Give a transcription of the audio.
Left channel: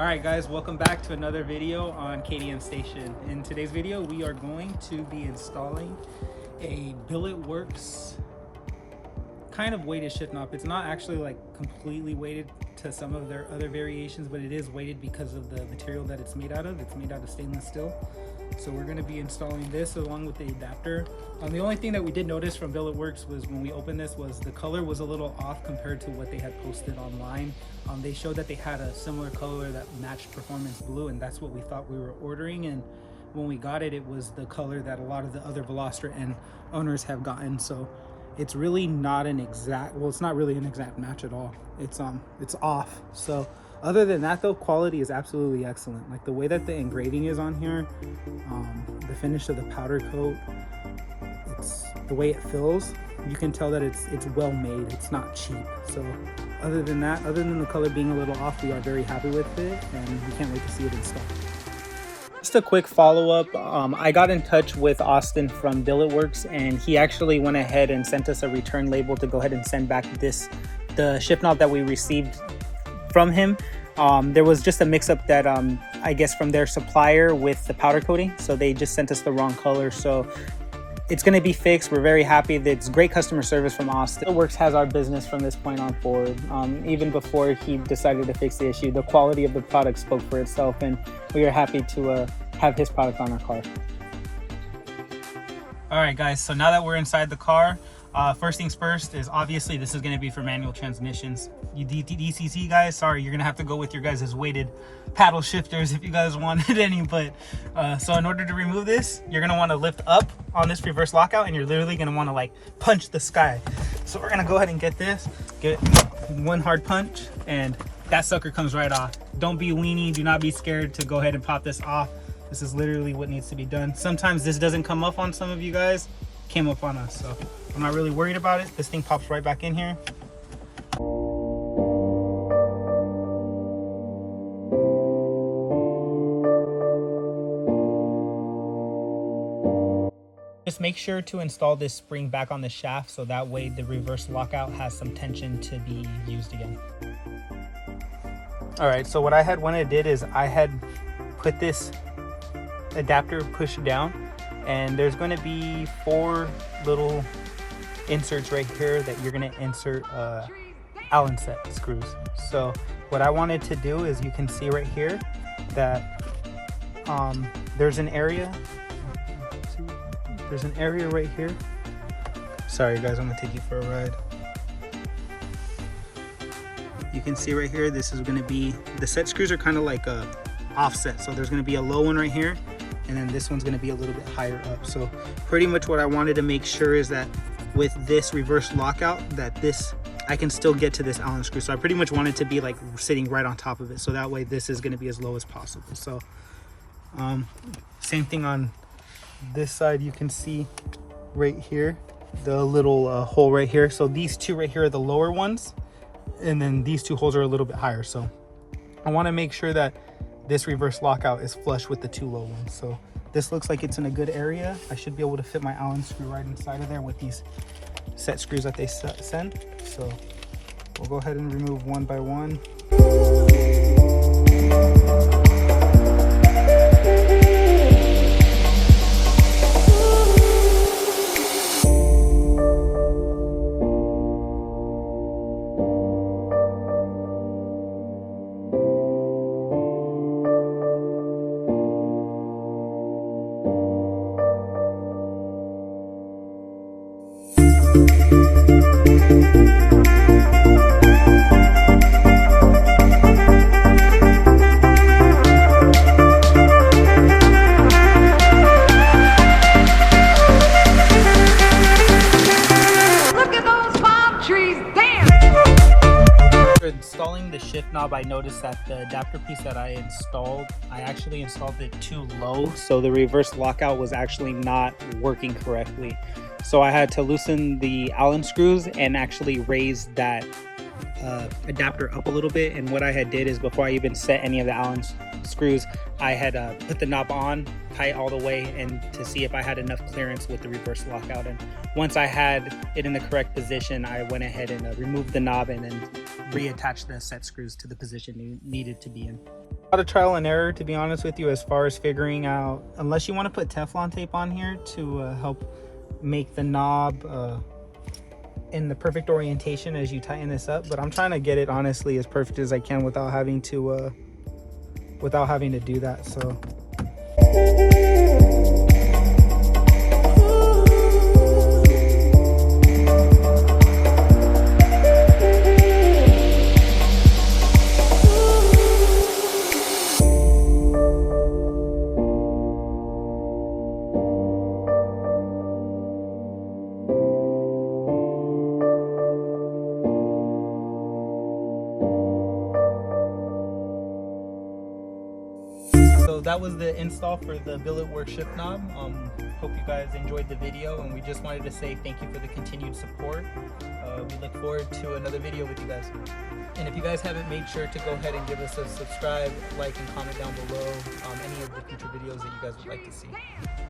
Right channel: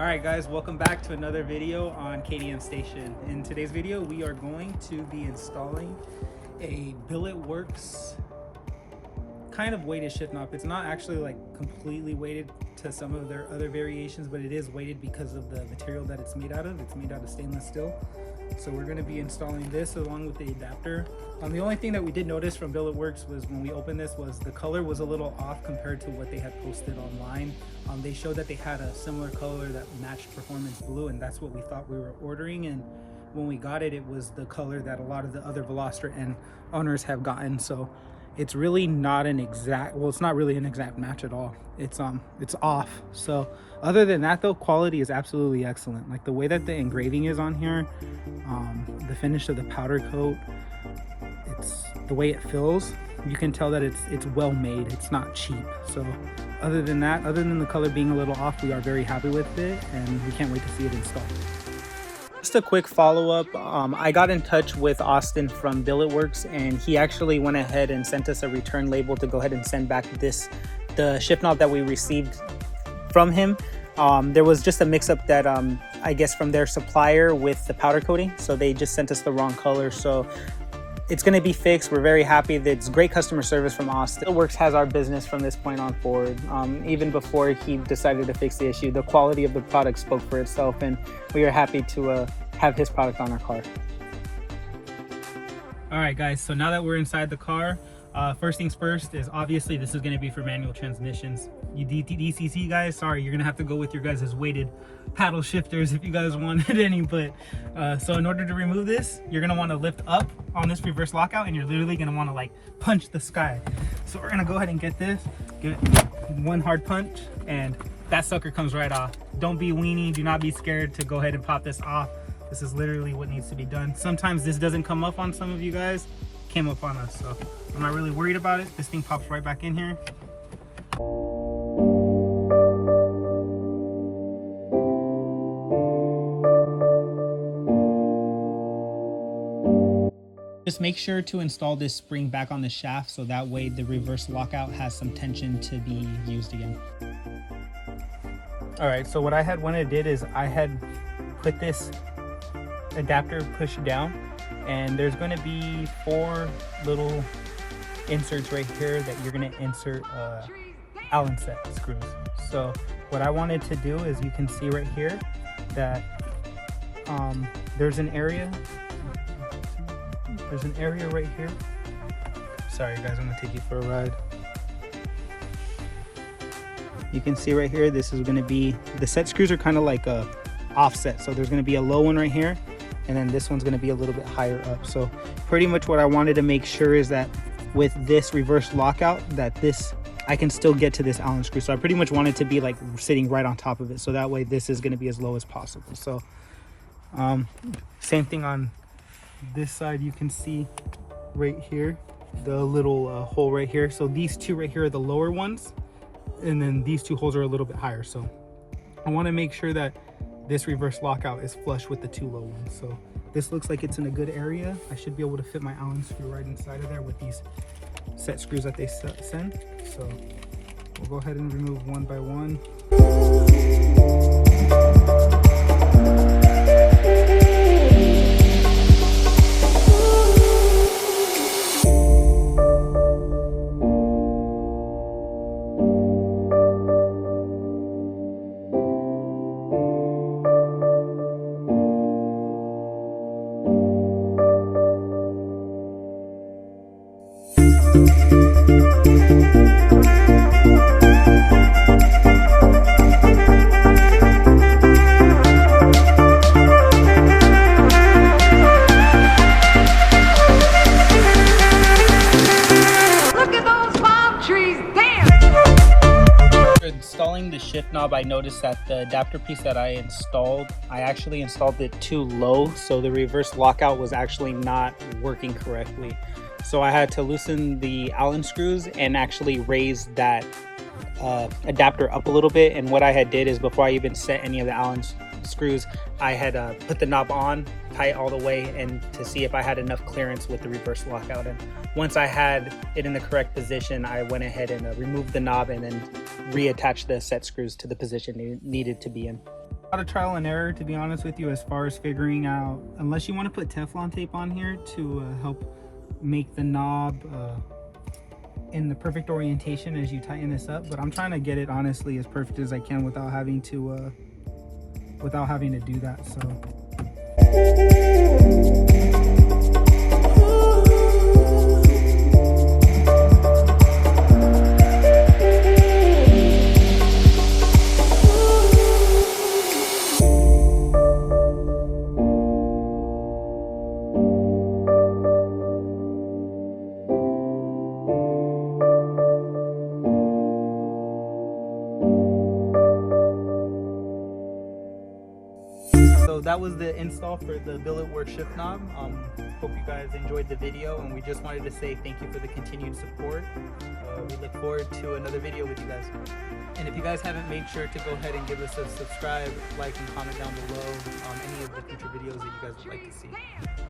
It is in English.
Alright guys, welcome back to another video on KDM Station. In today's video we are going to be installing a Billetworkz kind of weighted shift knob. It's not actually like completely weighted to some of their other variations, but it is weighted because of the material that it's made out of. It's made out of stainless steel. So we're going to be installing this along with the adapter. The only thing that we did notice from Billetworkz was when we opened this was the color was a little off compared to what they had posted online. They showed that they had a similar color that matched Performance Blue, and that's what we thought we were ordering. And when we got it, it was the color that a lot of the other Elantra N owners have gotten. So it's really not an exact, well, it's not really an exact match at all. It's off. So other than that though, quality is absolutely excellent. Like the way that the engraving is on here, the finish of the powder coat, it's the way it feels, you can tell that it's well made. It's not cheap. So other than that, other than the color being a little off, we are very happy with it and we can't wait to see it installed. Just a quick follow-up, I got in touch with Austin from Billetworkz, and he actually went ahead and sent us a return label to go ahead and send back the shift knob that we received from him. There was just a mix-up that I guess from their supplier with the powder coating, so they just sent us the wrong color. So it's going to be fixed. We're very happy. It's great customer service from Austin. Billetworkz has our business from this point on forward. Even before he decided to fix the issue, the quality of the product spoke for itself, and we are happy to have his product on our car. All right, guys. So now that we're inside the car, first things first is obviously this is going to be for manual transmissions. You DCC guys, sorry, you're going to have to go with your guys' weighted paddle shifters if you guys wanted any. But so in order to remove this, you're going to want to lift up on this reverse lockout, and you're literally going to want to like punch the sky. So we're going to go ahead and get one hard punch, and that sucker comes right off. Don't be weenie. Do not be scared to go ahead and pop this off. This is literally what needs to be done. Sometimes this doesn't come up on some of you guys. Came up on us, so I'm not really worried about it. This thing pops right back in here. Just make sure to install this spring back on the shaft, so that way the reverse lockout has some tension to be used again. All right, so what I did is I had put this adapter pushed down, and there's going to be 4 little inserts right here that you're going to insert Allen set screws. So what I wanted to do is, you can see right here that there's an area right here. Sorry guys, I'm gonna take you for a ride. You can see right here, this is going to be, the set screws are kind of like a offset, so there's going to be a low one right here, and then this one's going to be a little bit higher up. So pretty much what I wanted to make sure is that with this reverse lockout, that I can still get to this Allen screw. So I pretty much wanted to be like sitting right on top of it, so that way this is going to be as low as possible. So same thing on this side. You can see right here the little hole right here. So these two right here are the lower ones, and then these 2 holes are a little bit higher. So I want to make sure that this reverse lockout is flush with the 2 low ones. So this looks like it's in a good area. I should be able to fit my Allen screw right inside of there with these set screws that they send. So we'll go ahead and remove one by one. Installing the shift knob, I noticed that the adapter piece that I actually installed it too low, so the reverse lockout was actually not working correctly. So I had to loosen the Allen screws and actually raise that adapter up a little bit. And what I had did is, before I even set any of the Allen screws, I had put the knob on tight all the way, and to see if I had enough clearance with the reverse lockout. And once I had it in the correct position, I went ahead and removed the knob and then reattached the set screws to the position it needed to be in. A lot of trial and error, to be honest with you, as far as figuring out, unless you want to put Teflon tape on here to help make the knob in the perfect orientation as you tighten this up. But I'm trying to get it honestly as perfect as I can without having to do that. So that was the install for the Billetworkz shift knob. Hope you guys enjoyed the video, and we just wanted to say thank you for the continued support. We look forward to another video with you guys. And if you guys haven't, make sure to go ahead and give us a subscribe, like, and comment down below any of the future videos that you guys would like to see.